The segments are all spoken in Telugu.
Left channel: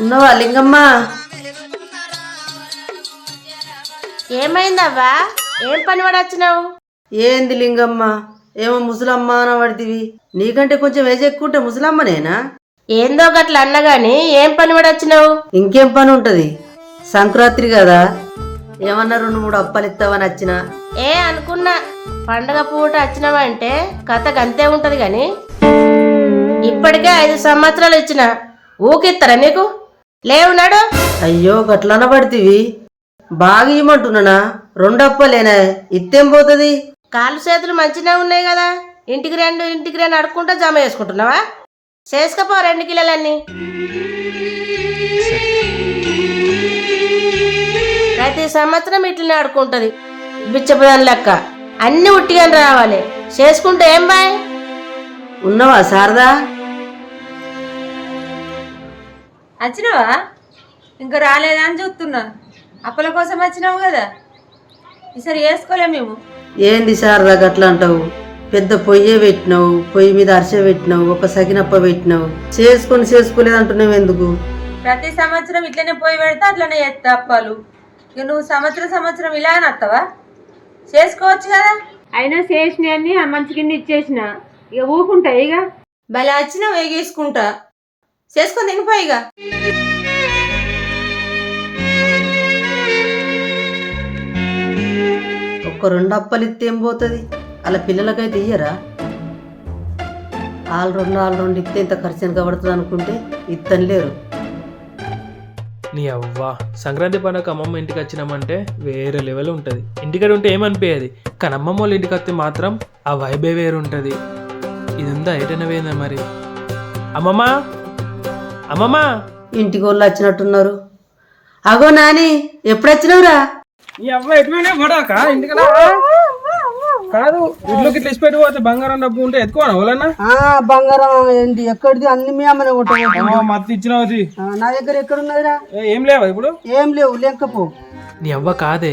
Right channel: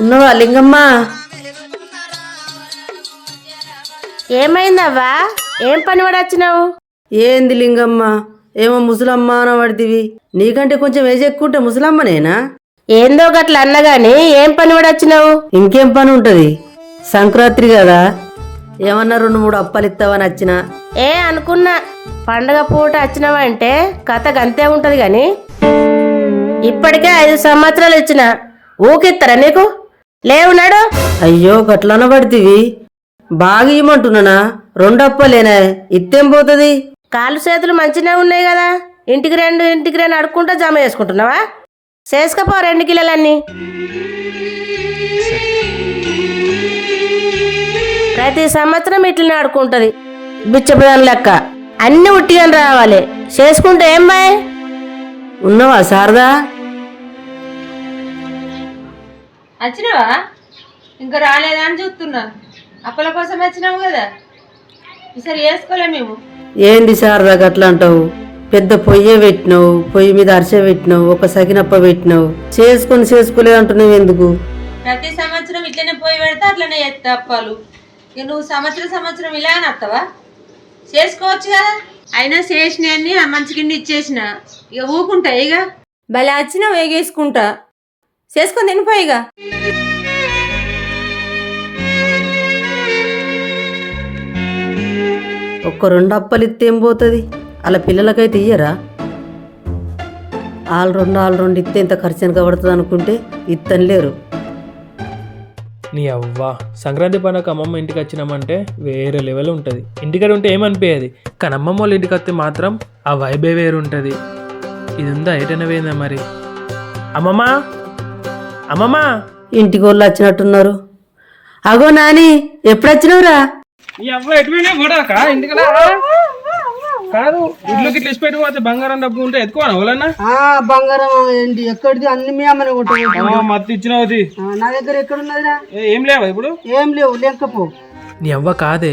ఉన్నవా లింగమ్మ? ఏమైందవ్వా? ఏం పని పడి వచ్చినావు? ఏంది లింగమ్మ, ఏమో ముసలమ్మ అని పడితివి. నీకంటే కొంచెం ఏజ్ ఎక్కుంటే ముసలమ్మనేనా? ఏందో గట్ల అన్నగాని ఏం పని పడి వచ్చినావు? ఇంకేం పని ఉంటది, సంక్రాంతి కదా, ఏమన్నా 2-3 అప్పాలు ఇస్తావని వచ్చిన. అనుకున్నా పండగ పూట వచ్చినావంటే కథ గంతే ఉంటది గాని ఇప్పటికే 5 సంవత్సరాలు ఇచ్చిన ఊకిత్తరా నీకు? లేవునాడు. అయ్యో గట్లన పడితివి, బాగా ఇవ్వమంటున్నానా? 2 అప్పాలేనా, ఇత్తేం పోతుంది? కాళ్ళు చేతులు మంచిగా ఉన్నాయి కదా, ఇంటికి రెండు అడుక్కుంటా జమ చేసుకుంటున్నావా? చేసుకపో 2 కిలోలన్నీ. ప్రతి సంవత్సరం ఇట్లనే ఆడుకుంటది బిచ్చపదాని లెక్క. అన్ని ఉట్టిగాని రావాలి, చేసుకుంటే ఏం బాయ్? ఉన్నవా శారదా? వచ్చినావా? ఇంకా రాలేదా అని చూస్తున్నా. అప్పల కోసం వచ్చినావు కదా, ఈసారి వేసుకోలే మేము. ఏంది శారదా గట్లా అంటావు? పెద్ద పొయ్యే పెట్టినావు, పొయ్యి మీద అరిసె పెట్టినావు, ఒక సగినప్ప పెట్టినావు, చేసుకోలేదు అంటున్నావు ఎందుకు? ప్రతి సంవత్సరం ఇట్లనే పోయి పెడితే అట్లనే చేస్తా అప్పాలు. ఇక నువ్వు సంవత్సరం ఇలాగనే వస్తావా? చేసుకోవచ్చు కదా. అయినా చేసినవన్నీ ఆ మంచి కింద ఇచ్చేసిన, ఇక ఊకుంటాయి. ఇక భలే వచ్చినావు, వేగేసుకుంటా చేసుకొని తినిపోయి. ఇక ఒక్క 2 అప్పలు ఇస్తే ఏం పోతుంది? అలా పిల్లలకైతే ఇయ్యరా? ఆల్ రెండు ఇస్తే ఇంత ఖర్చు ఎంత పడుతుంది అనుకుంటే ఇత్తని లేరు. నీ అవ్వా, సంక్రాంతి పండుగ అమ్మమ్మ ఇంటికి వచ్చినామంటే వేరే లెవెల్ ఉంటుంది. ఇంటికాడ ఉంటే ఏమనిపించేది, కానీ అమ్మమ్మ వాళ్ళ ఇంటికి వస్తే మాత్రం ఆ వైబే వేరు ఉంటుంది. ఇది ఉందా ఎటైనా పోయిందా మరి? అమ్మమ్మ అమ్మమ్మ, ఇంటికి వాళ్ళు వచ్చినట్టున్నారు. అగో నాని, ఎప్పుడు వచ్చినవురా? నీ అవ్వ ఎటువైనా పడక ఇంటికలా కాదు, ఇల్లుకి ఇట్లా ఇచ్చిపెట్టి పోతే బంగారం డబ్బు ఉంటే ఎత్తుకోనా వాళ్ళన్నా? బంగారం ఏంటి, ఎక్కడిది? అన్ని మీ అమ్మనే ఉంటాయి. మత్తు ఇచ్చినది నా దగ్గర ఎక్కడున్నదిరా? ఏం లేవా ఇప్పుడు? ఏం లేవు, లేకపో. నీ అవ్వ కాదే,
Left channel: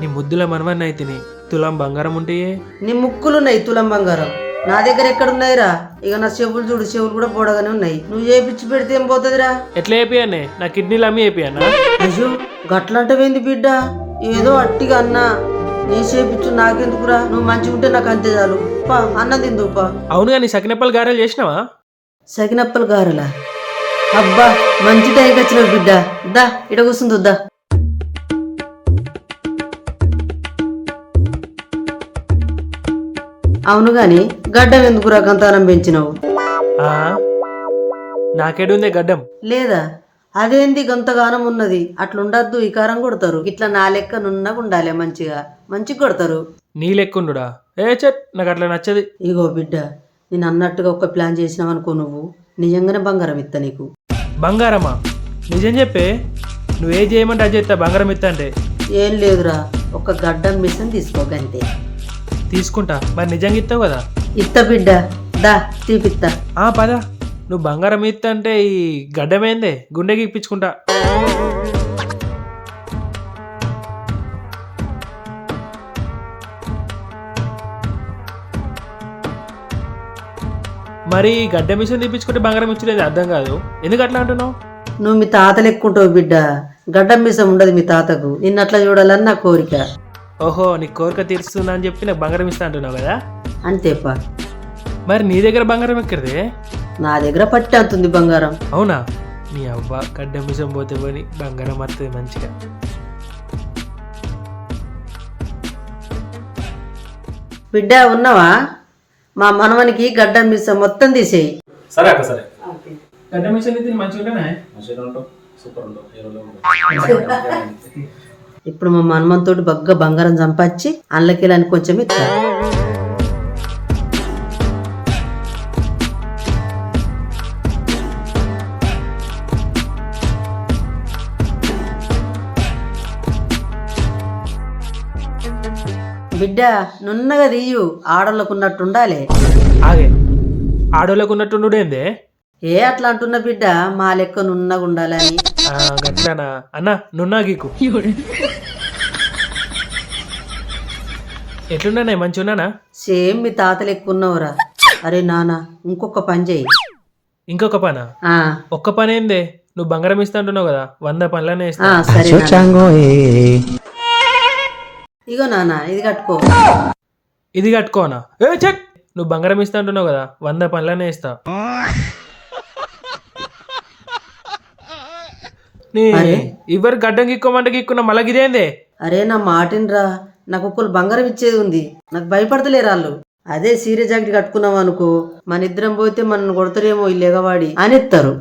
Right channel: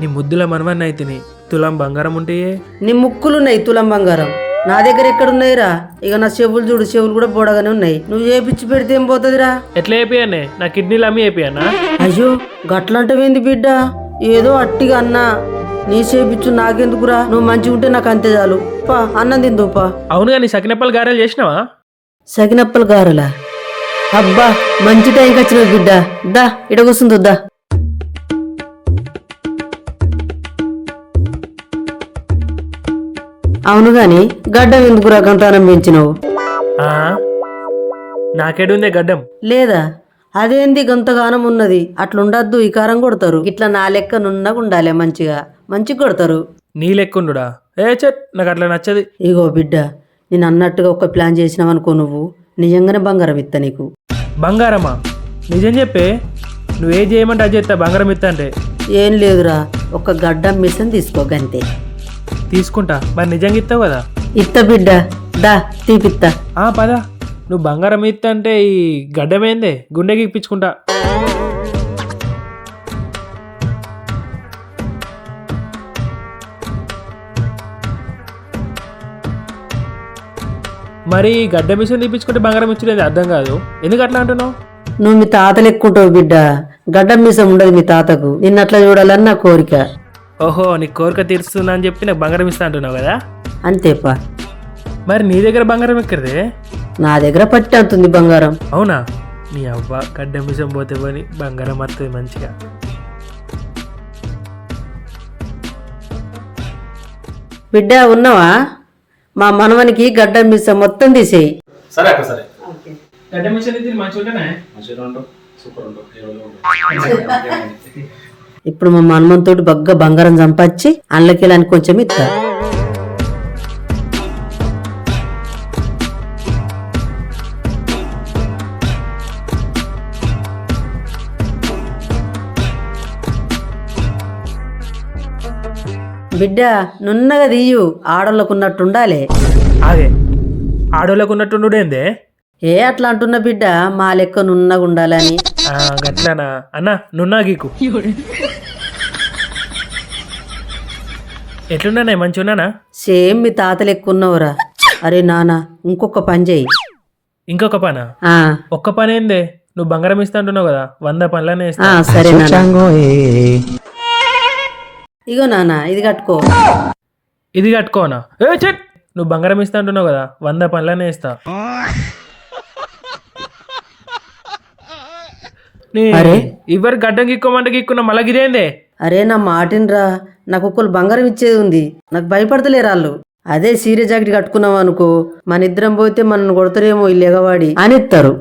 నీ ముద్దుల మనవన్న అయితే తులం బంగారం ఉంటాయే. నీ ముక్కులున్నాయి తులం బంగారం, నా దగ్గర ఎక్కడున్నాయిరా? ఇక నా చెవులు చూడు, చెవులు కూడా పొడగానే ఉన్నాయి. నువ్వు ఏ పిచ్చి పెడితే ఏం పోతుందిరా? ఎట్లా అయిపోయానే, నా కిడ్నీలు అమ్మి అయిపోయానా? అయ్యో గట్లంటవేంది బిడ్డ, ఏదో అట్టిగా అన్నా. నీ చేపిచ్చు నాకెందుకురా? నువ్వు మంచిగా ఉంటే నాకు అంతే చాలు. పా అన్నం తిందుపా. అవునుగా, నీ సకినప్పలు గారెలు చేసినావా? సకినప్పలు గారులా? అబ్బా మంచి టైంకి వచ్చిన బిడ్డ. దా ఇడ కూర్చుందో దా. అవును గాని గడ్డం ఎందుకురా గంతానం పెంచినావు? నాకేడుందే గడ్డం లేదా? అదేంది గంతగానం ఉన్నది? అట్లుండద్దు, ఈ కారం కొడతారు. ఇట్లా నా లెక్క నున్నగా ఉండాలి, మంచిగా కొడతారు. నీ లెక్కుండుడా? నాకు అట్లా నచ్చది. ఇగో బిడ్డ, నేను అన్నట్టుగా ఒక ప్లాన్ చేసినావనుకో, నువ్వు నిజంగానే బంగారం ఇస్తా నీకు. బంగారమా? నిజం చెప్పే, నువ్వే చేయమంటే అది చేస్తా. బంగారం ఇస్తా అంటే ఏం లేదురా, ఒక గడ్డం మిషన్ తీసుకో గంతే. తీసుకుంటా. మరి నిజంగా ఇస్తావు కదా? ఇత్త బిడ్డ, దా తీపిత్తా. పదా, నువ్వు బంగారం ఇస్తా అంటే ఈ గడ్డమేందే, గుండెకి ఇప్పించుకుంటా. మరి గడ్డ మిషన్ తీపించుకుంటే బంగారం ఇచ్చేది అర్థం కాదు, ఎందుకు అట్లా అంటున్నావు? నువ్వు మీ తాతలు ఎక్కుంటావు బిడ్డ, గడ్డం మిషన్ ఉండదు మీ తాతకు. నిన్నట్లా చూడాలని నా కోరిక. ఓహో, నీ కోరిక తీరుస్తుందా అని చెప్పి నాకు బంగారం ఇస్తా అంటున్నావు కదా? అంతేపా. మరి నీ దగ్గర బంగారం ఎక్కడిదే? నా దగ్గర పట్టి అంతుంది బంగారం. అవునా? నీ అవ్వ, గడ్డ మిషన్ పోతే పోని బంగారం వస్తుంది మంచిగా. బిడ్డ ఉన్నావా? మా మనవనికి గడ్డం మిషన్ మొత్తం తీసేయి. సరే అక్క, సరే. గడ్డ మిషన్ మంచిగా సూపర్. ఇప్పుడు మా మనమంతో బగ్గ బంగారం సంపాదించి అల్లకెళ్ళని కొంచెం ఇస్తా. బిడ్డ నున్నగా తీయు, ఆడోళ్ళకున్నట్టు ఉండాలి. అదే ఆడోళ్ళకు ఉన్నట్టుండేందే? అట్లా అంటున్నా బిడ్డ, మా లెక్క నున్నగా ఉండాలని. గట్లానా అన్న? నున్నా గీకు ఎట్లున్నానే, మంచి ఉన్నానా? సేమ్ మీ తాతలు ఎక్కువ ఉన్నావురా. అరే నానా ఇంకొక పని చేయి. ఇంకొక పనా? ఆ, ఒక్క పని ఏందే? నువ్వు బంగారం ఇస్తా అంటున్నావు కదా, 100 పనులనే ఇస్తా. సరే నాన్న. ఇగో నానా ఇది కట్టుకో. ఇది కట్టుకోనా? చెట్, నువ్వు బంగారం ఇస్తా అంటున్నావు కదా, 100 పనులనే ఇస్తా. అరే. ఇవ్వరు గడ్డం గిక్కోమంటే గిక్కున్నా మళ్ళీ గిదేందే? అరే నా మాటిన్రా, నాకు ఒక్కరు బంగారం ఇచ్చేది ఉంది, నాకు భయపడతలేరు వాళ్ళు. అదే సీరియస్ జాకెట్ కట్టుకున్నాం అనుకో, మన ఇద్దరం పోతే మనల్ని కొడతారేమో ఈ ఎగవాడి అని ఇస్తారు.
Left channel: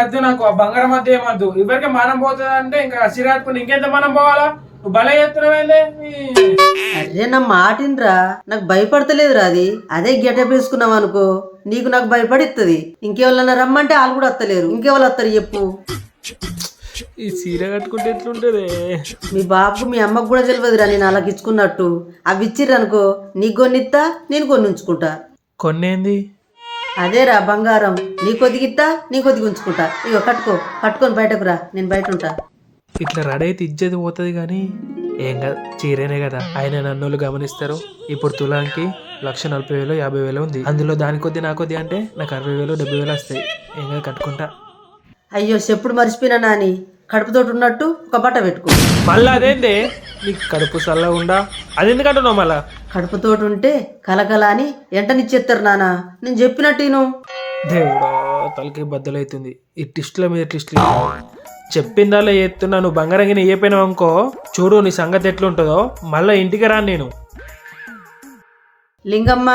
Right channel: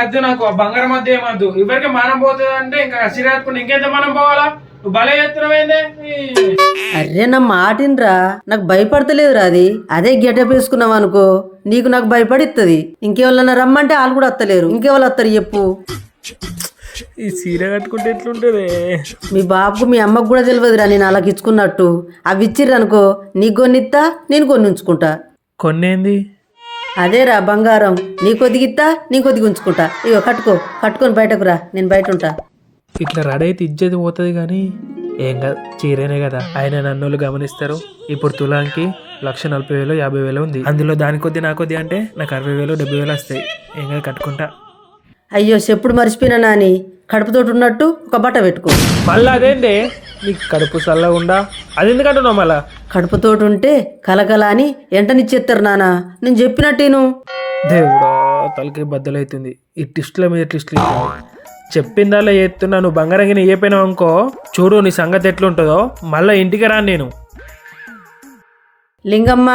అద్దు, నాకు ఆ బంగారం మధ్య ఏమద్దు. ఇవరికి మానం పోతుంది అంటే ఇంకా సిరాత్కుండా ఇంకెంత మనం పోవాలా? నువ్వు భలే చేస్తున్నావేందే? అరే నా మాటిన్రా, నాకు భయపడతలేదురా అది. అదే గెటప్ వేసుకున్నాం అనుకో, నీకు నాకు భయపడిస్తుంది. ఇంకెవరన్నా రమ్మంటే వాళ్ళు కూడా వస్తలేరు, ఇంకెవరు వస్తారు చెప్పు? ఈ సీర కట్టుకుంటే ఎట్లుంటుంది? మీ బాబుకు మీ అమ్మకు కూడా తెలియదురా నేను అలాగ ఇచ్చుకున్నట్టు. అవి ఇచ్చిర్రు అనుకో, నీకు కొన్నిస్తా, నేను కొన్ని ఉంచుకుంటా. కొన్నేంది? అదేరా బంగారం, నీ కొద్దిగా ఇస్తా, నీ కొద్దిగా ఉంచుకుంటా. ఇగో కట్టుకో, కట్టుకొని బయటకు రా, నేను బయట ఉంటా. ఇట్లా రెడీ అయితే ఇజ్జతి పోతుంది కానీ ఏం కాదు, చీరేనే కదా. ఆయన నన్ను గమనిస్తారు. ఇప్పుడు తులాంకి 1,40,000 50,000 ఉంది. అందులో దాని కొద్ది నా కొద్ది అంటే నాకు 60,000 70,000 వస్తాయి. ఏం కాదు, కట్టుకుంటా. అయ్యో చెప్పుడు మర్చిపోయినా నాని, కడుపుతోటి ఉన్నట్టు ఒక బట్ట పెట్టుకో. మళ్ళీ అదేందే నీకు కడుపు చల్లగా ఉండా? అది ఎందుకంటున్నావు మళ్ళా? కడుపుతోటి ఉంటే కలకల అని ఎంటనిచ్చేస్తారు నానా, నేను చెప్పినట్టేను. దేవుడా, తలకి బద్దలైతుంది. ఈ టిస్టుల మీద టిస్టులు చెప్పిందాలో చేస్తున్నా. నువ్వు బంగారంగిని ఏ పోయినావు అనుకో, చూడు నీ సంగతి ఎట్లుంటుందో. మళ్ళీ ఇంటికి రాను నేను. లింగమ్మ,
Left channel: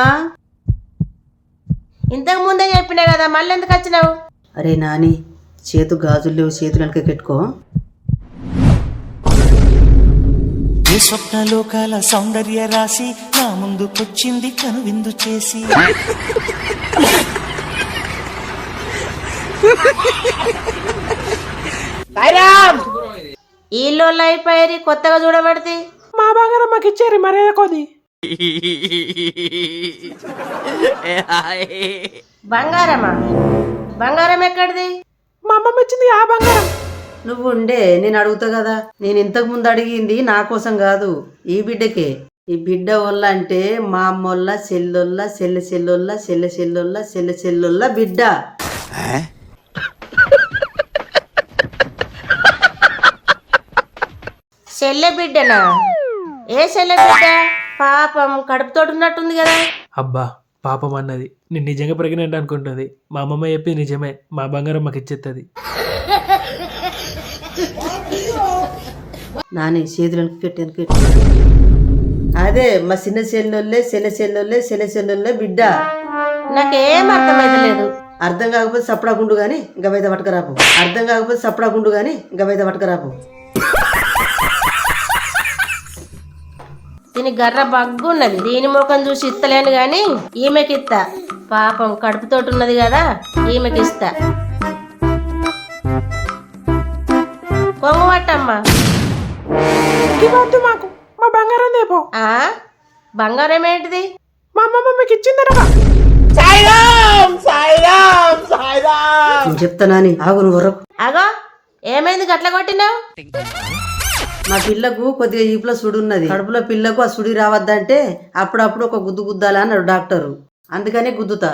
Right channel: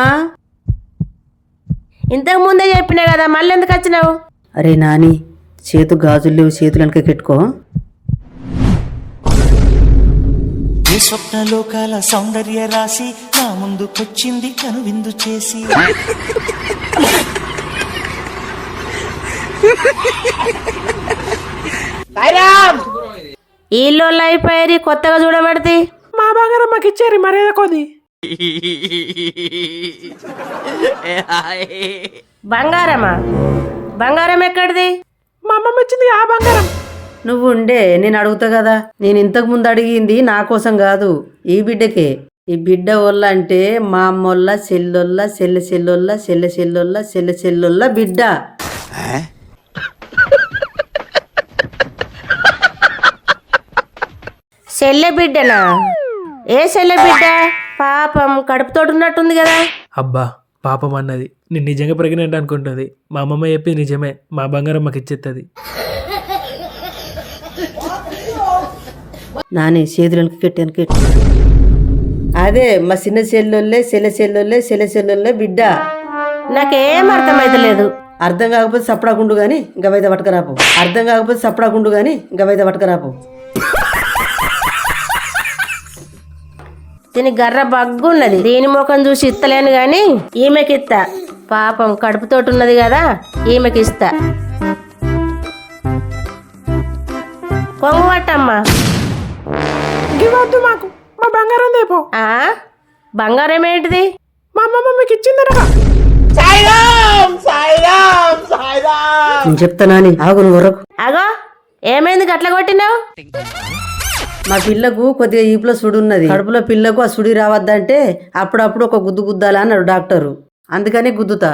ఇంతకు ముందే చెప్పినా కదా, మళ్ళీ ఎందుకు వచ్చినావు? అరే నాని, చేతు గాజులు లేవు, చేతులు వెనక పెట్టుకో. ఈ స్వప్నలోకాల సౌందర్య రాశి నా ముందుకొచ్చింది కనువిందు చేసి. ఇల్లు అయిపోయి కొత్తగా చూడబడితే మా బంగారం మాకు ఇచ్చారు మర్యాద కొద్ది. బంగారమా? బంగారం ఎక్కడిది? మా అమ్మమ్మ ఇచ్చింది ఆ బంగారం. నువ్వు ఉండే, నేను అడుగుతా కదా. నేను ఇంతకు ముందు అడిగింది నా కోసం కాదు, ఈ బిడ్డకే. ఈ బిడ్డ వల్ల అంటే మా అమ్మోళ్ళ చెల్లొల్ల చెల్లె చెల్లొల్ల చెల్లె చెల్లొల్ల చెల్లె చెల్లొల్ల బిడ్డ. చెల్లె బిడ్డనా? ఏ చెల్లె బిడ్డ? పాపం కడుపుతోటి ఉన్నట్టుంది కదా. అబ్బా పాపం అన్నది. నేను నిజంగా ప్రెగ్నెంట్ అనుకుంటుంది. మా అమ్మమ్మ చెప్పింది నిజమే, మా బంగారం మాకు ఇచ్చేస్తుంది. నాని చేతులను పెట్టాను. అదే మా చిన్న చెల్లొల్లే చెల్లె చెల్లొల్లే చెల్లె చెల్లొల్లే బిడ్డ. నాకేం అర్థమైతలేదు. అర్థం కాకపోతే సపడాకుండు గాని ఇంకా వైద పట్టుకరాపు. అర్థం కాకపోతే సపడాకుండు గాని ఇంకా వైద పట్టుకరాపు. దీని గర్ర బగ్గున్నది. దీని ముఖం చూసి ఇస్తలేను గాని ఈమెకి ఇస్తా. పాపం కడుపుతోటి ఉన్నది కదా, ఈమెకి ఇస్తా. కొంగమట్టమ్మా, వద్దు మాకు, మా బంగారం దేపో. బంగారం ఏంటిది? మా అమ్మమ్మ మీకు ఇచ్చిందనగా. నేను చెప్తా నాని, ఆగు నువ్వు వరకు. అగో ఏమైంది గట్ల కొట్టినావు? మా పిల్లకు కొద్దిగా ఈపులో సుడి ఉన్నది. కడుపులో పిల్లకు ఆ సుడి రావద్దంటే అప్పుడప్పుడు ఒక గుద్దు గుద్దాలా అన్నాడు డాక్టరు. అందుకని గుద్దుతా.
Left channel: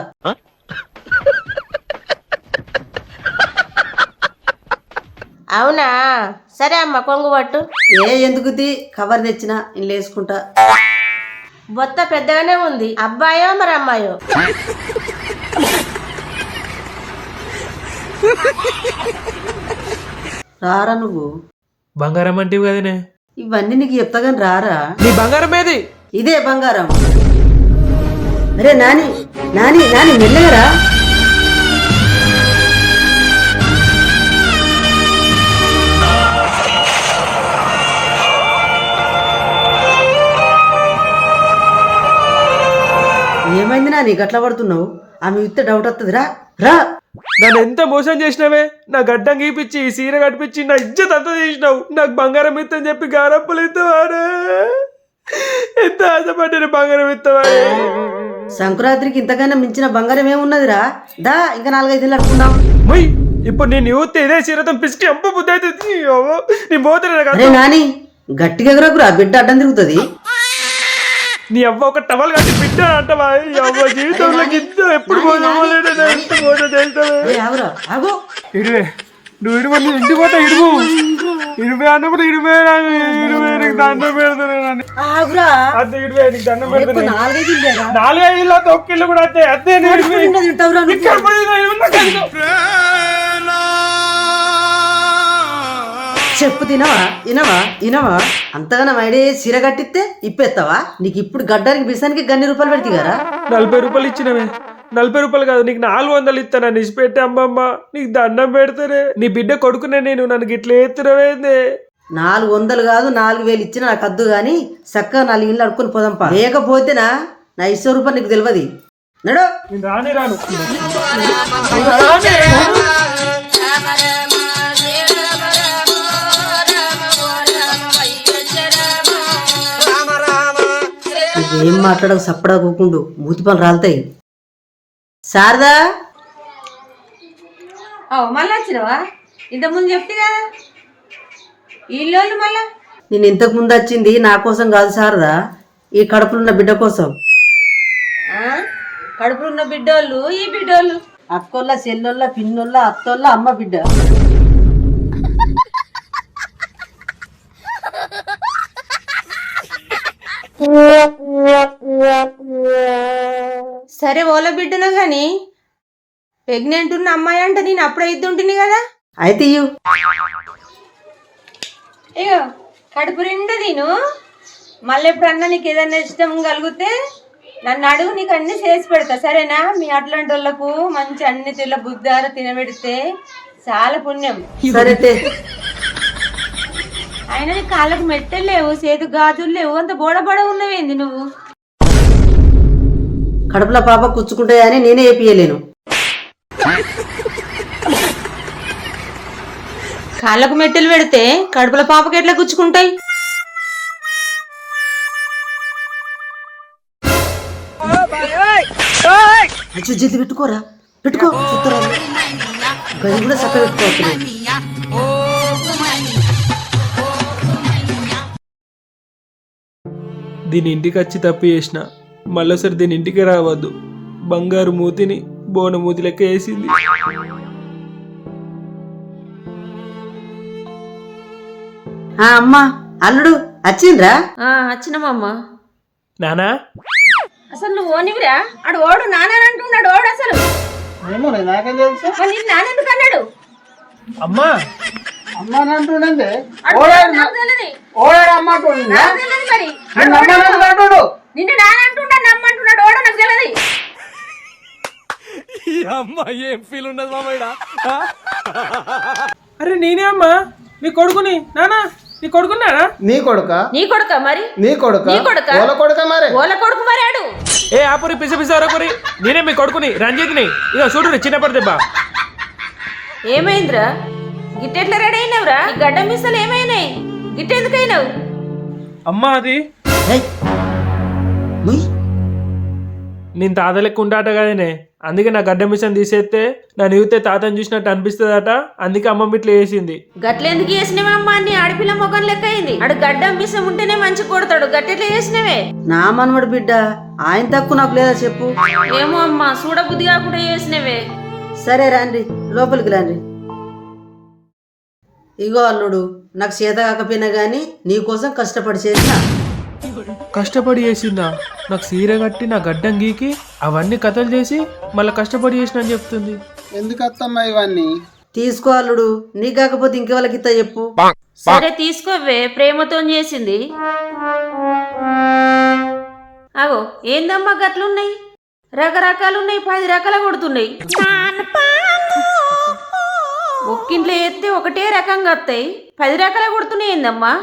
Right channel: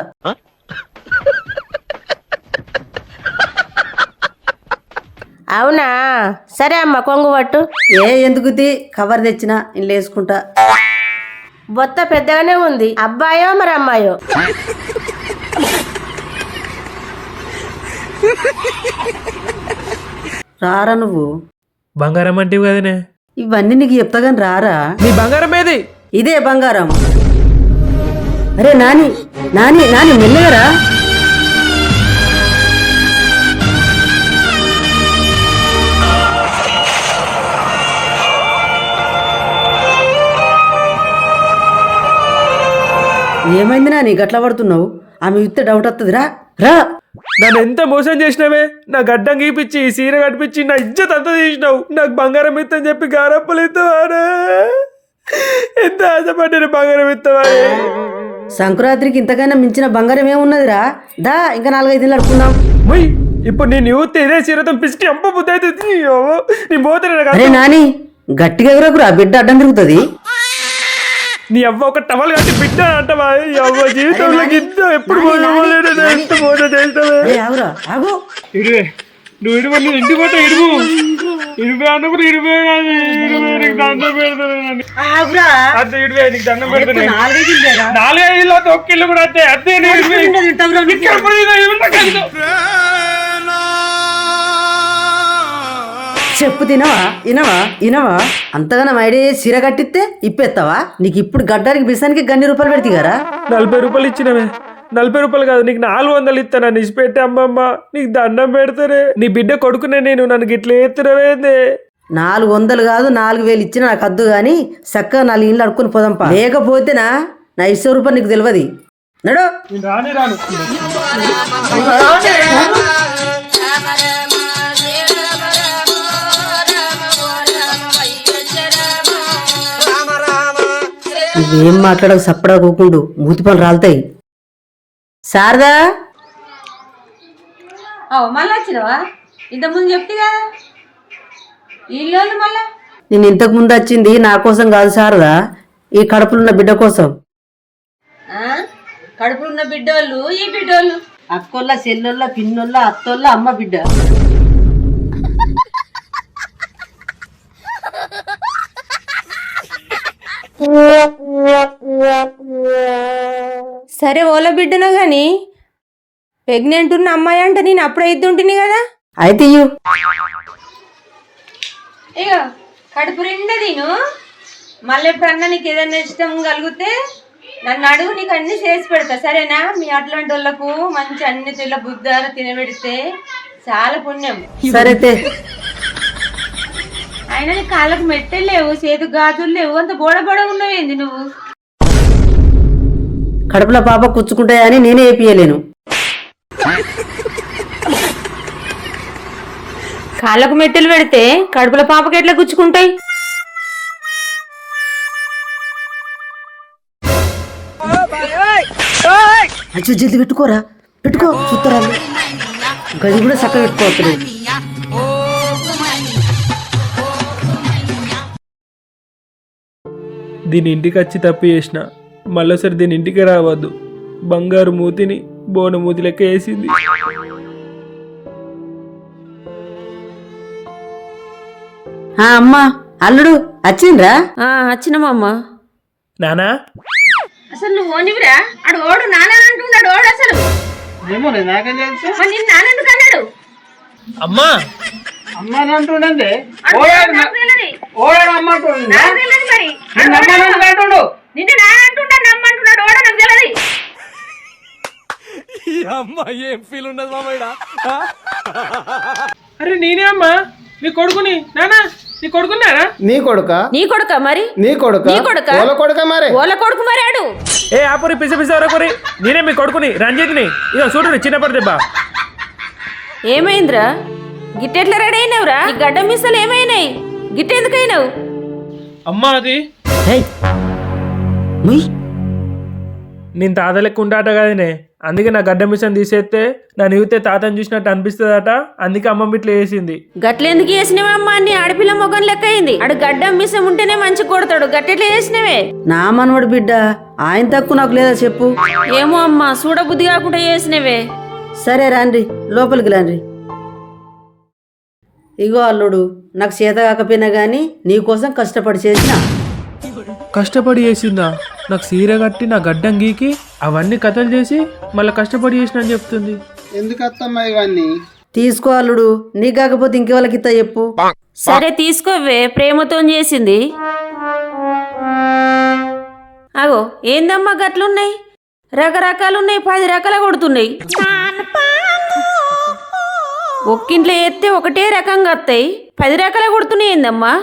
అవునా? సరే అమ్మ, కొంగు పట్టు. ఎందుకుది, కవర్ తెచ్చినా నేను వేసుకుంటా. బొత్త పెద్దగానే ఉంది. అబ్బాయో మరి అమ్మాయో? రారా నువ్వు? బంగారం అంటే కదనే. ఇవన్నీ నీకు చెప్తా గాని రారా? నీ బంగారం ఏది? ఇదే బంగారం. అరే నాని నాని నాని మెల్లగరా. ఏమైంది నాని గట్ల పడుతున్నావు? ఆమె ఇస్తే డౌట్ వస్తుంది. రా రా. నన్ను ఎంత మోసం చేసినావే. నా గడ్డం గీపిచ్చి ఈ సీర కట్టిపించి నా ఇజ్జత్ అంతా తీసినావు. నాకు బంగారం ఇత్తని చెప్పి గారప్పలు ఇస్తావారే. ఎంత ఆశపడ్డాను బంగారం ఇస్తావారే. సంక్రాంతికి ఇంతకైనా మించిన బంగారం ఏమున్నదిరా? దా ఇంకా 4-5 నెలలు అడుకున్నావు. ఇప్పుడు నేను యూత్ ఇదే సీరతో పిసికి అమ్మ బుద్ధి అవుతుంది. నీ పోతే అరే నాని గట్టిగా ఎగరకురా బిడ్డ అడ్డం తిరుగుతుంది. నీ అవ్వ ఒక టవల్ కట్టి బిడ్డ అంటవా? ఈ అవ్వ జీవితంలో గిద్ద ఎప్పుడు ఆగురా ఆగు. ఇడివే నువ్వు ఇడువ, నీ ఇంటికి పోతా ఇడువు. ఇడివే అన్నప్పుడు ఇడివే నీకు దండం పెడతాను. ఆగురా. అదే ఇడివే నీకు దండం పెడతాను. 4-5 ఇల్లేరా? 4 ఇల్లు ఒక్కిల్లు కూడా అదే అదే చెప్పు తినవా ఇనవా అంతగానో ఐడే సిర కట్టిస్తే ఇప్పేస్తావా? నీకు ఇప్పుడు గడ్డానికి బిసానికి గన్ని రూపాయలు పెడితే కదా. 40 రూపాయలు ఇచ్చినవే. 40 రూపాయలు కాదు, నీకు 400 ఇస్తాను. నన్ను ఇచ్చిపెట్టి అమ్మమ్మ నీకు దండం పెడతారే. నీ బిడ్డ కొడుకునే నేను, నన్ను గిట్ల ఎత్తురవేందే. 400 కాదు 4000 ఇచ్చినా నాకు అద్దు గాని చక్కగా 4 ఇళ్ళు అడుక్కుని పోదాంపా. లేకపోతేనా నా 100 రూపాయలు నీకు తెలియదు. నడు. రాను నువ్వేం మాట్లాడవు, సప్పడా కూకుండు మూతి పనులు రాలుతాయి. శారదా మళ్ళీ వచ్చినావా? ఇంతకుముందు చెప్తే కదా ఇల్లు మళ్ళా. నేను ఇంతకు ముందు వచ్చింది నా కోసం కాదు శారదా, ఈ కడుపులున్న బిడ్డ కోసం. కడుపులో ఉన్న బిడ్డోళ్ళు ఈ బిడ్డోళ్ళు అక్కోళ్ళ చెల్లొల్ల పిన్నోళ్ళ అత్తోళ్ళ అమ్మ బిడ్డ. సరే ఓల బిడ్డనో గాని ప్రెగ్నెంట్ ఉన్న అమ్మాయి అంటే నేను అప్పుడే ఇద్దుంటుంది కదా. అయితే ఇయ్యు. ఇగో కడుపు నిండా తిను. మళ్ళీ ఎప్పుడన్నా నీకు ఏదైనా ఇష్టం కలిగితే నన్ను అడుగు, నీకు అన్ని చేసి పెడతా సరేనా? మీ అట్లాంటి వాళ్ళకు మంచి అన్ని తెల్ల బుద్ధారు తినబెడితే చాలా పుణ్యం. సరే అయినా నీ కాళ్ళకు మెట్టలు లేవు, చేతు గాజులు లేవు, అంత బోడబోడ ఉన్నవేంది నువ్వు? కడుపులో పాప కూర్చుకుంటాయని నేనే ఏపియలేను. కాళ్ళకు మెట్టెలు పెడితే కడుపుల పాపకి ఎట్లా గుచ్చుకుంటాయి? అచ్చు జల్ది పెట్టుకోరా, పెట్టుకో చూస్తారా. గది కూడా చక్కగా పెట్టుకోవచ్చు. దీని ఇంటికి వచ్చి తప్పు చేసిన, మళ్ళీసారి దీని ఇంటికి రావద్దు. బంగారు మూతిని బోన మూతి లెక్క వేసింది. అమ్మా అల్లుడు వచ్చిండ్రా? వచ్చినమమ్మా. నానా అసలు నువ్వు ఓనివిరా? అడు ఓడు నాన్న అంటున్నాడు. ఓడు అసలు ఏమో నాకేం తెలుసు. నిన్ను నాన్నెందుకు అన్నాడు? అమ్మా అమ్మ అంటుండే నాకు తెలియదు. ఓడాడు అమ్మ అంటుండే. నాకు తెలియదు మరి. అంటుడు నిన్ను నాన్న అంటున్నాడు, నమ్మంటున్నాడు. ఓడో నాకు తెలియదు. ఏం ఫీల్ ఉన్నది మామయ్య? అరే నేనే అమ్మా నీ కొడుకుని. నానా నీ కొడుకున్నారా? నీ కొడుక నీ కొడుక మరి? నీ కొడుక ఓల కొడుక మరి ఓల కొడుకు మరి ఆడు. ఏ ఆపురి పిసి పిసి వరకురి, నేనే మీ కొడుకుని రంజిత్ని. ఇక చూడు చిన్నప్పటి దెబ్బ. ఏమైందిరా? గిట్టెట్లా రెడీ అయినావురా? ఈ గడ్డ మిసలు ఏమైనాయి? గిట్టెందుకైనావు? అమ్మా అది నేను తాత లెక్క ఉంటాట కదనే, అందుకే నా గడ్డ మిషన్ తీసేస్తే నా నీవుతే తాతని చూసినట్టు అనిపిస్తుందట. అందుకే అమ్మమ్మ ఇట్లా వేసింది. గట్లెందుకు వేసినవమ్మా? నీ ఆడపిల్ల మొగం లెక్క అయింది. ఆడు గడ్డ మిసం ఉంటేనే మంచి కొడతాడు. గట్టెట్లా వేసినవే? నా మనవడు బిడ్డ, ఆయన తక్కువ నాకు లేదా చెప్పు? ఏమో అమ్మా, చూడబుద్ధి కాకుండా వేసినవే. సరే రాండి, లోపలికి రాండి. ఇగో అల్లుడు, నాకు చేత కాకపోయినా గానీ నీకోసం కష్టపడి చేసిన. కష్టపడి చేసిందా? నాకు సీర కట్టి నా గడ్డం గీకి అవన్నీ కథలు చేసి మళ్ళీ కష్టపడి చేసిన అని చెప్తుంది. ఎందుకు వస్తామ్మా ఇవన్నీ? తీసుకో అల్లుడు, నీ కాకపోతే ఇంకెవరికి ఇస్తా చెప్పు? సరే తీసుకోవే, ప్రేమతో చేసింది. అగో ఏందమ్మా గట్లున్నాయి? రకరకాలున్నాయి, 10 రకాల కొడుతున్నాయి. ఒక్కింట్లో ఎత్తే ఒకటే రకంగా వస్తాయి, 10 రకాల కొడుతున్నాయి. ఏందమ్మా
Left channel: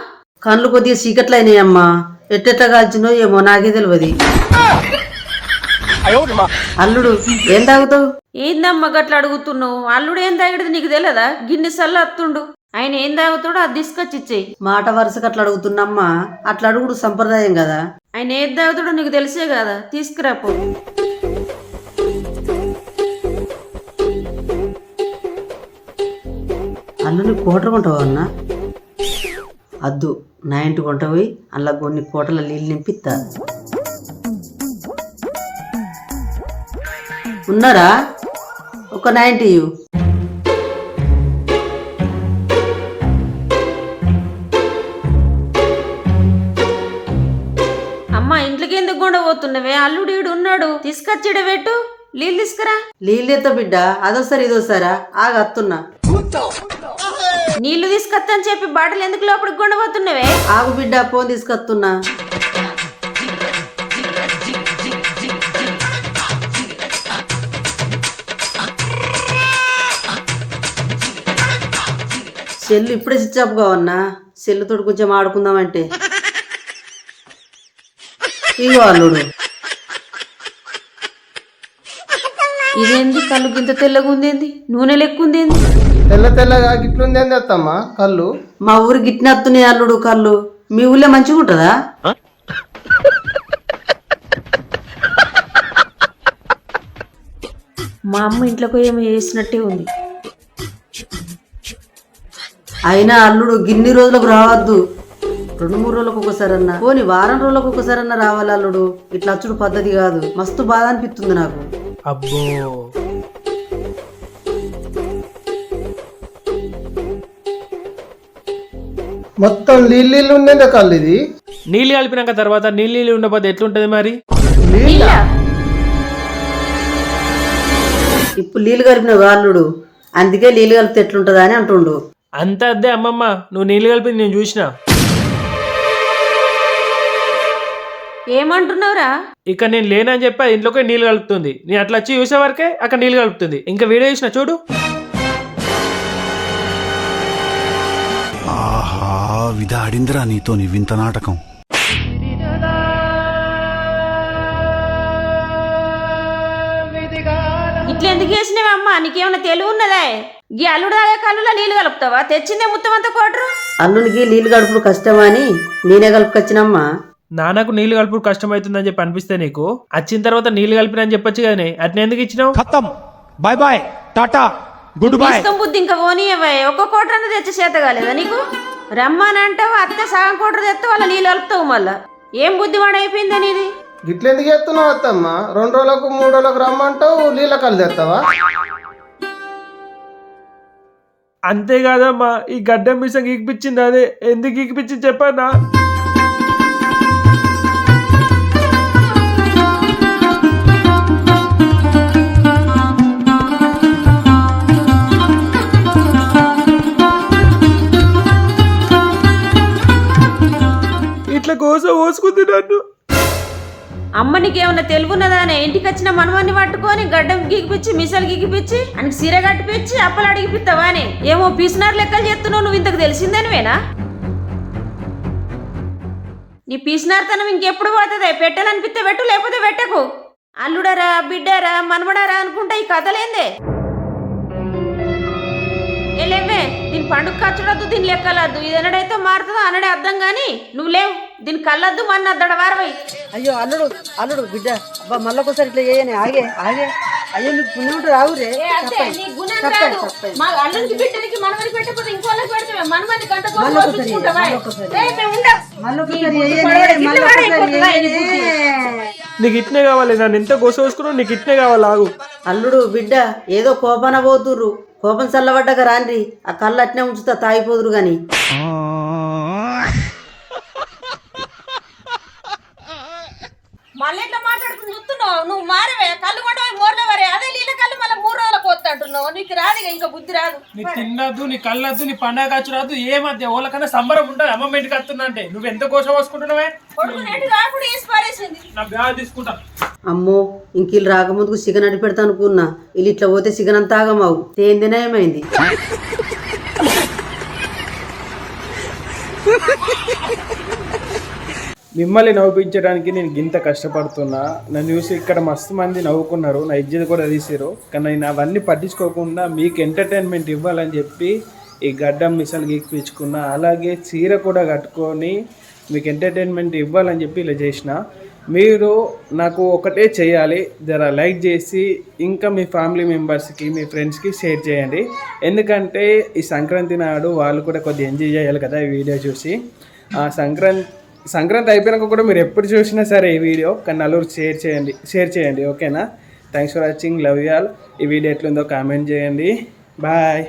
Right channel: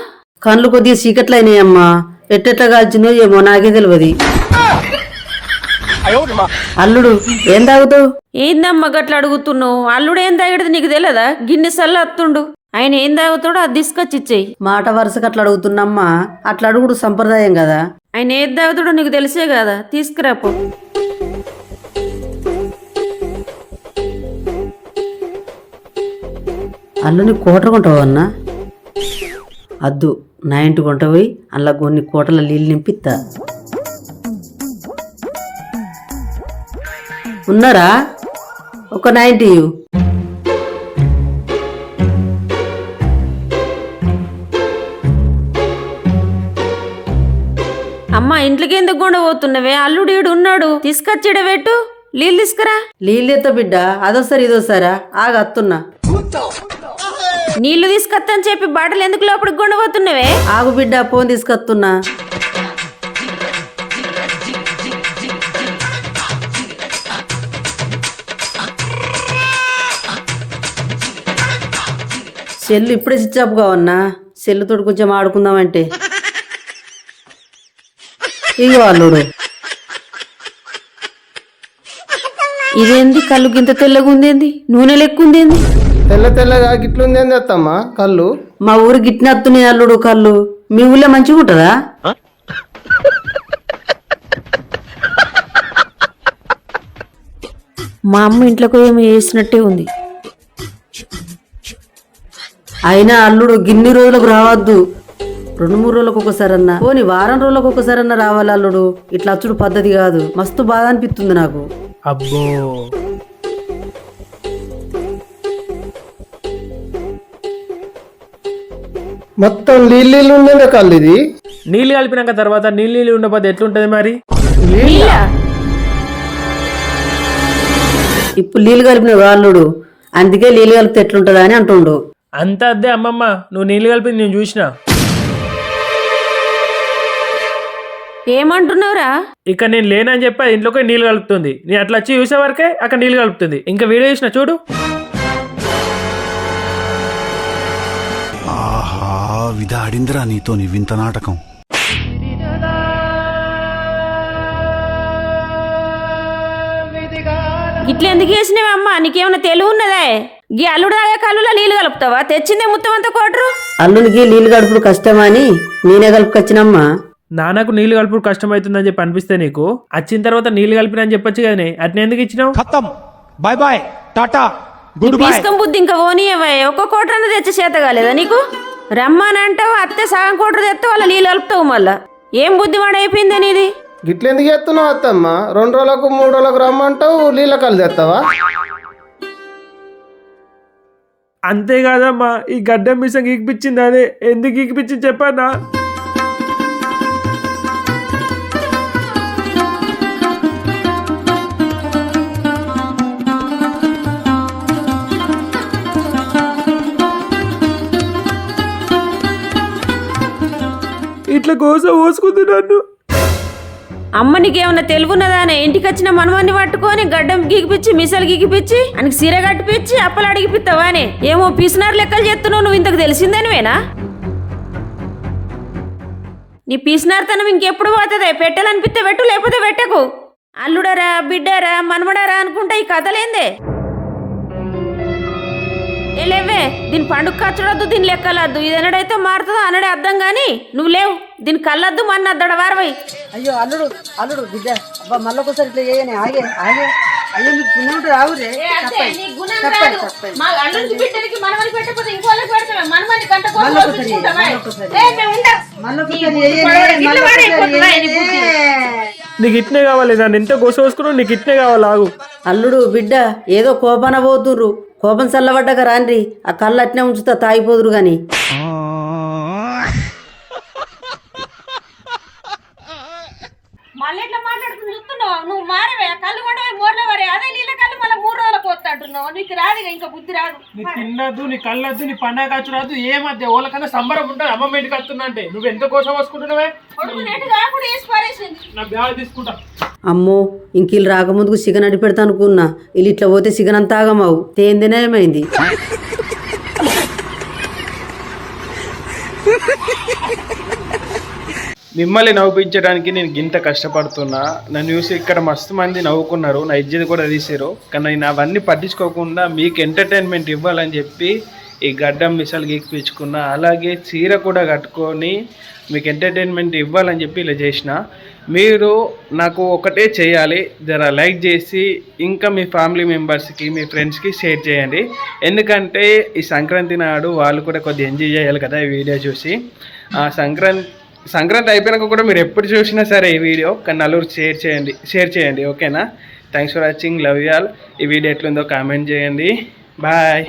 కళ్ళు కొద్దిగా చీకట్లు అయినాయమ్మా, ఎట్టెట్లా కాల్చిందో ఏమో నాకే తెలియదు. అల్లుడు ఏం తాగుతావు? ఏందమ్మా గట్ల అడుగుతున్నావు? అల్లుడు ఏం తాగేది నీకు తెలియదా? గిన్నె సల్ల అత్తుండు. ఆయన ఏం తాగుతాడో అది తీసుకొచ్చి ఇచ్చేయి. మాట వరుసకు అట్లా అడుగుతున్నమ్మా, అట్లా అడుగుడు సంప్రదాయం కదా. ఆయన ఏది తాగుతాడో నీకు తెలిసే కదా, తీసుకురాపో. అల్లుని కోటరుకుంటావు అన్నా? అద్దు, నా ఇంటి కొంట పోయి అలా కొన్ని కోటల నీళ్ళు నింపిస్తా. ఉన్నారా? ఒక 90. అమ్మ ఇంట్లోకి ఎందుకు గుండ పోతున్నవే? అల్లుడు ఈడు ఉన్నాడు, తీసుకొచ్చిడ పెట్టు, నీళ్ళు తీసుకురా. నీళ్ళెత్త బిడ్డ, అదోసారి ఇదోసారా ఆగత్తున్నా. నీళ్లు తీసుకొత్తని చెప్పి బాటలు ఎందుకు లోపలికి గుండ పోతున్నవే? ఆగు బిడ్డ, ఫోన్ తీసుకొస్తున్నా. సెల్లు ఇప్పుడే స్విచ్ ఆఫ్ కావన్నా, సెల్లుతోటి కొంచెం ఆడుకుందామంటే. ఇగో అల్లుడు. ఇదేంది కళ్ళు గింత తెల్లగా ఉందేంది, నూనె లెక్క ఉందేంది? తెల్ల తెల్లగా గిట్లుంది ఏంది అత్తమ్మ కళ్ళు? మా ఊరు గిట్టినత్తున్నాయి అల్లుడు కళ్ళు. మీ ఊళ్ళో మంచిగా ఉంటుందా? మా అమ్మ ఇంట్లోకి ఏమో వేసినట్టే ఉంది. అయినా అల్లుడు గిన్ని రోజులకు రావద్దు, 2-3 రోజులకు ఒకసారన్నా, పోని వారం రోజులకు ఒకసారన్నా రావాలి అల్లుడు. ఇట్లా అచ్చుడు పద్ధతి కాదు. మస్తు బాధ అనిపిస్తుంది నాకు. అబ్బో, మొత్తం నీళ్ళు ఉండేదే కళ్ళు ఇది. నీళ్ళు కలిపినాక తర్వాత నీళ్ళు ఉండకపోతే ఎట్లుంటది మరి? ఇప్పుడు నీళ్ళు కలిపిన అల్లుడు, అందుకే నీళ్ళు కలిపితే ఎట్లుంటదా అని అంటుండు. అంత అద్దే అమ్మమ్మ, నువ్వు నీళ్ళు కలిపి నేను చూసిన. ఏమంటున్నావురా? ఇక నేను లేనని చెప్పి ఇంట్లోకి నీళ్ళు కలుపుతుంది. నేను అట్లా వచ్చి చూసే వరకే అక్కడ నీళ్ళు కలుపుతుంది. ఇంకా వీడియో చూసిన చూడు. ఆహా, విధాడిందిరా నీతో నీ వింత నాటకం. ఇట్లా ఎందుకు చేసినావే అమ్మ? నీకేమైనా తెలివి ఉన్నదే? గీ అల్లుడు దాగా కళ్ళులో నీళ్లు కలుపుతావా? తెచ్చిందే మొత్తం అంతా కోటరు. అల్లునికి నీళ్ళు కలుపుడు కష్టమా అని నేనే కలుపుకొచ్చినమ్మా. నాన్నకు నీళ్ళు కలుపుడు కష్టమవుతుందని చెప్పి అనిపిస్తే నీకు వచ్చిన తర్వాత నీళ్ళు కలిపినని చెప్పొచ్చు కానీ అట్నే ఎందుకు ఇచ్చినావు? ఖతం, bye bye, tata, goodbye. ఇష్టం బుద్ధి ఇంకా పోనీయవే. ఒక్క కోటరన్న తెచ్చే చేత కాలేదా నీకు? రమ్మని అంటావు, అత్తే సగం కోటరు తెస్తే వాళ్ళ నీళ్ళు కలుపుతావు. మళ్ళా ఏం బుద్ధి వాడైపోయిందా నీది? గిట్లెందుకు చేస్తున్నావు అత్తమ్మ? 2 రోజులకు 3 రోజులకు రమ్మంటావు, నీళ్ళ కళ్ళు తెస్తావా? అంతేకాదమ్మా, ఈ గడ్డం మిసం గీకిపించింది అదే. ఎందుకు గీకిపించింది చెప్పన్నా? ఇట్లా కోసం పోసుకుంది నన్ను. అమ్మ నీకేమన్నా తెలుగున్నదానే? ఇంటికి వచ్చిన మనవాన్ని పట్టుకొని గడ్డం గీకిపిచ్చి మిసలు గీకిపిచ్చి ఆయనకి సిర కట్టిపిచ్చి అప్పలు అడిగిపిస్తావానే? ఏమో పీసినారు లెక్కలు చేస్తున్నావు. నువ్వు ఇంతకు తెలిసిందనివేనా? నీ పీసినార్తనం ఇంకెప్పుడు పోతుందే? పెట్టాలనిపిస్తే పెట్టు, లేకపోతే పెట్టకు. అల్లుడరా, బిడ్డారా, మనమడారా అనుకుంటా ఈ కథలేందే? లేవే, దీని పండుగ ఖర్చుడద్దు, దీని లెక్కలద్దు. ఇది ఎన్నడైతే మారుతుందో అన్నడే అర్థం గాని నువ్వు లేవు. దీని కళ్ళద్దు, మన అద్దడ వారవై. అయ్యో అల్లుడు, అల్లుడు బిడ్డ, అబ్బా మళ్ళొకసారి ఇట్లా చేయని. ఆగే ఆగే, అయ్యో నీకు గుణం రావురే. నీకు ఇట్నే కావాలి, నన్ను ఎంత గోస వేసుకున్నావు, నీకు ఇట్నే కావాలి. ఆగు అల్లుడు బిడ్డ, ఏదో కోపాన పోతుర్రు. కోపం చల్లబడ్డాక రాండ్రి, ఆ కళ్ళు అట్నే ఉంచుతా, తాగిపోదురు గాని. మళ్ళీ ఎట్లా మాట్లాడుకుని చూస్తున్నావు? నువ్వు మారవే, కళ్ళు కొండ మోర్ల వరే. అదే నీళ్ళ కళ్ళు మళ్ళీ 3 రోజులకు పోతా అంటున్నావు. నీకు రాదు, ఇంకా బుద్ధి రాదు. నీ తిన్నద్దు, నీ కళ్ళద్దు, నీ పండగ ఖర్చు రాదు. ఏ మధ్య ఓళ్ళకన్నా సంబరం ఉంటుంది. అమ్మమ్మ ఇంటికి వస్తున్నా అంటే నువ్వు ఎంత కోసం పోసుకుంటున్నావే? నా బ్యాగ్ తీసుకుంటా. అమ్మో, ఇంక వీళ్ళు రాకముందుకు సిగన్ అడి పెడతా అనుకున్నా. వీళ్ళు ఇట్లా పోతే సిగన్ అంతా ఆగమావు. తేందినే ఏమైంది? మిమ్మల్ని నవ్వుపించడానికి నేను గింత కష్టపడుతున్నా. నన్ను చూసి ఇక్కడ మస్తు మంది నవ్వుకున్నారు, నా ఇజ్జత్ కూడా తీసారు. కానీ నేను అవన్నీ పట్టించుకోకుండా మీకు ఎంటర్టైన్మెంట్ ఇవ్వాలని చెప్పి ఈ గడ్డం మిసాలు గీకిపించుకున్నా. అలాగే చీర కూడా కట్టుకొని మీకు ఎంటర్టైన్మెంట్ ఇవ్వాలని చెప్పి ఇలా చేసిన. మీరు నాకు ఒకటే చేయాలి, జర లైక్ చేసి ఇంకా మీ ఫ్యామిలీ మెంబర్స్కి మీ ఫ్రెండ్స్కి షేర్ చేయండి. ఎందుకంటే ఈ సంక్రాంతి నాడు వాళ్ళు కూడా కొద్దిగా ఎంజాయ్ చేయాలి కదా ఈ వీడియో చూసి. సంక్రాంతి అయిపోయినాక కూడా మీరు ఎప్పుడు చూసినా సరే ఈ వీడియో కానీ నలుగురు షేర్ చేయండి. ఓకేనా? Thanks for watching. Love you all. ఈ వీడియో ఎట్లుందో కామెంట్ చేయండి. బాయ్.